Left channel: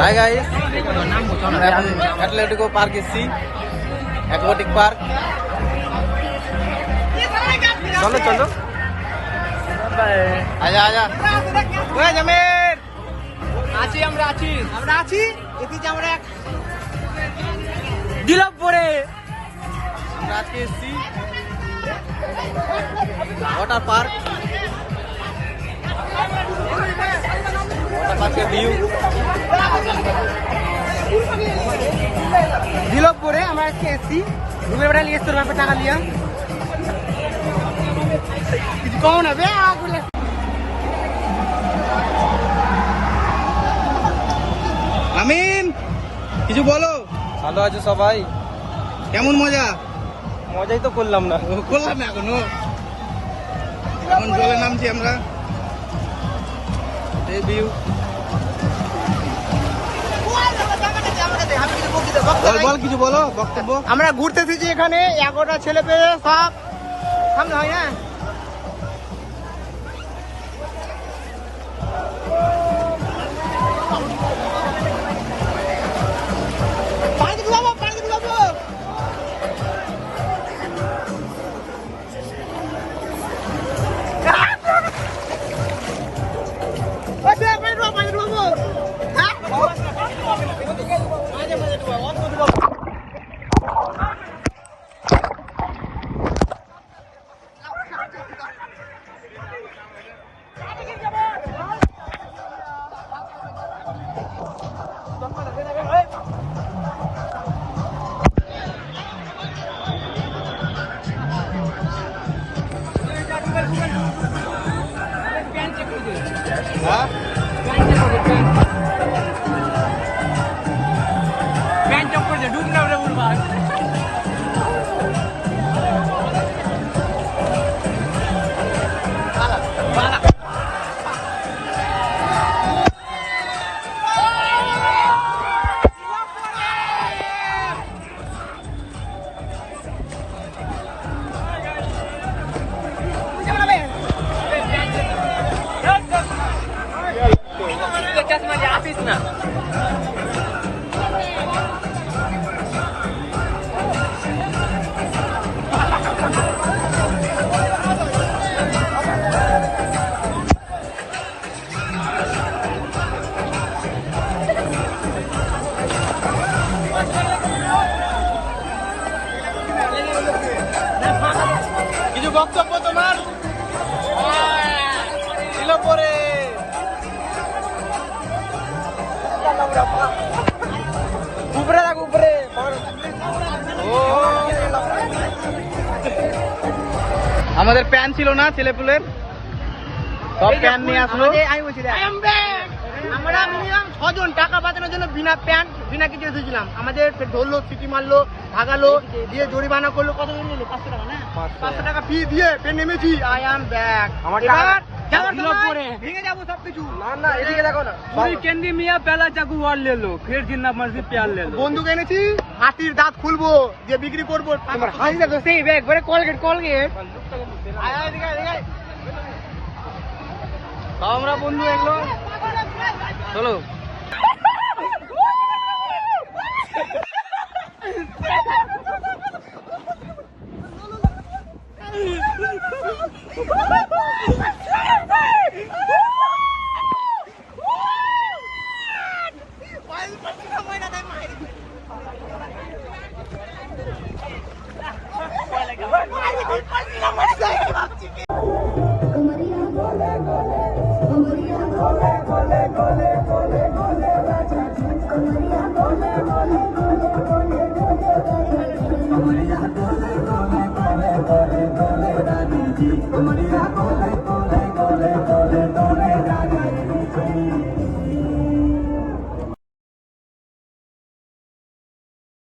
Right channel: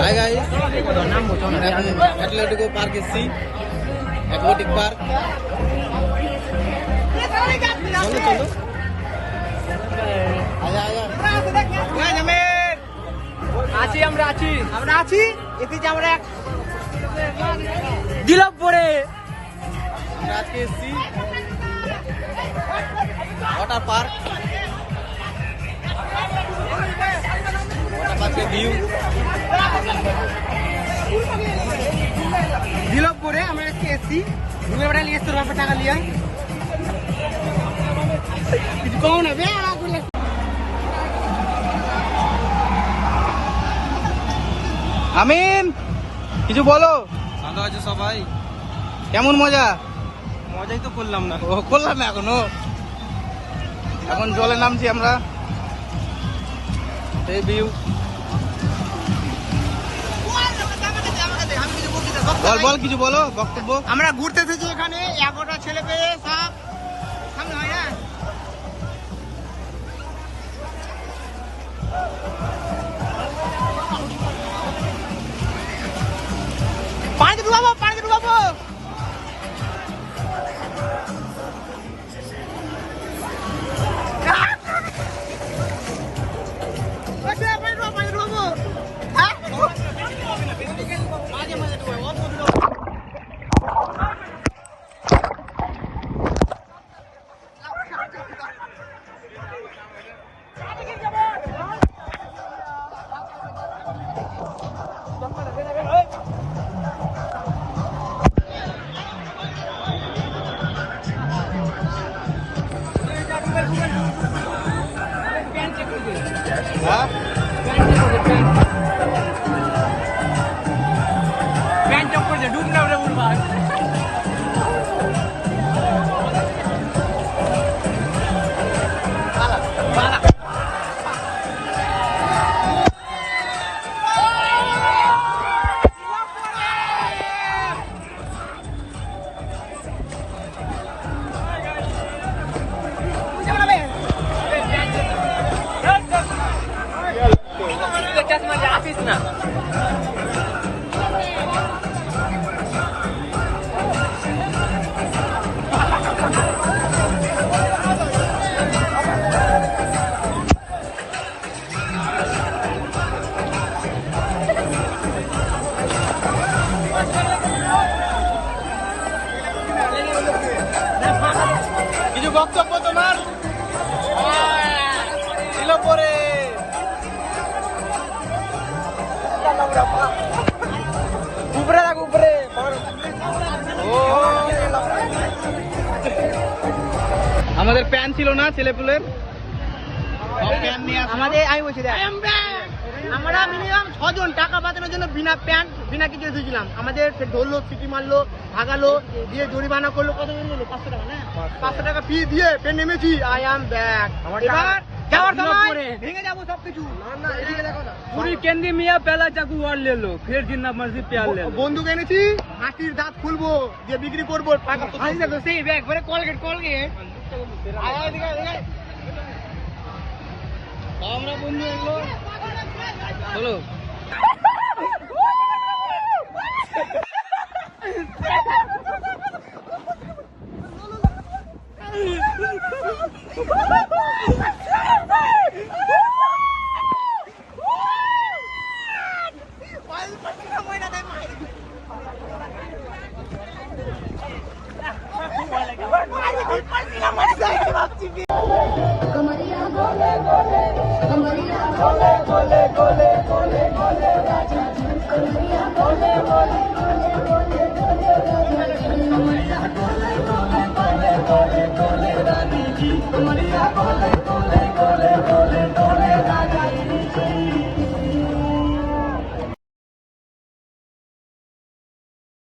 Hi guys, আমরা এখন Atletico park এসেছি, অ্যাথলেটিক পার্ক। চলো চলো, আজা আজা আছি আমরা আছি এতে আমরা দিলাম পরে আমরা আজকে এসেছি ওয়াটার পার্ক। দিলাম পরে আমরা আজকে এসছি রুমে বেড়া নিয়ে এসছি টাকা নিয়ে কিছু কম হবে আমিন, কিছু বলো। ভালো আছো সবাই? কেমন মজা? মজাই তো করলাম না। ও করলাম না এখনো। এখন জলে নামছি আমরা। এই ভিউ। বল বল, কিছু বলো, বক্তব্য। আমরা ঘুরতে এসেছি এখানে 11টা ছেলে পেয়ে সব সামনে হয় না পানি ডুবাবো কিছু বক্তব্য তোমার ছিল পরে। উপরে রাখ উপরে আমাদের প্যান ছিল না ছেলেপুলের, আমাদের আমি বলছি আমরা মিনিমাম 6 জন টাকা বাঁচানোর জন্য বিনা কিছু এসেছিলাম। আমাদের ধরলো, সিটি মারলো, ভাগালো, দিয়ে জরিমানা করলো। কত নিলো? 500 টাকা না? 500 টাকা ফি দিয়ে ফের নেমেছি। I am back. এবার যাওয়ার সময় ভেঙে যাবো সবকিছু। না এদিকে দেখো না, पूरी केंद्रीय मियाँ पहला चाकू वार ले लो, फिर जितना मर्जी प्यार ले लो। বন্দুক এনেছি, হাতির দাঁত খুলবো, দিয়ে বিক্রি করবো। আমরা বন্ধু এগুলো। চলো Maria,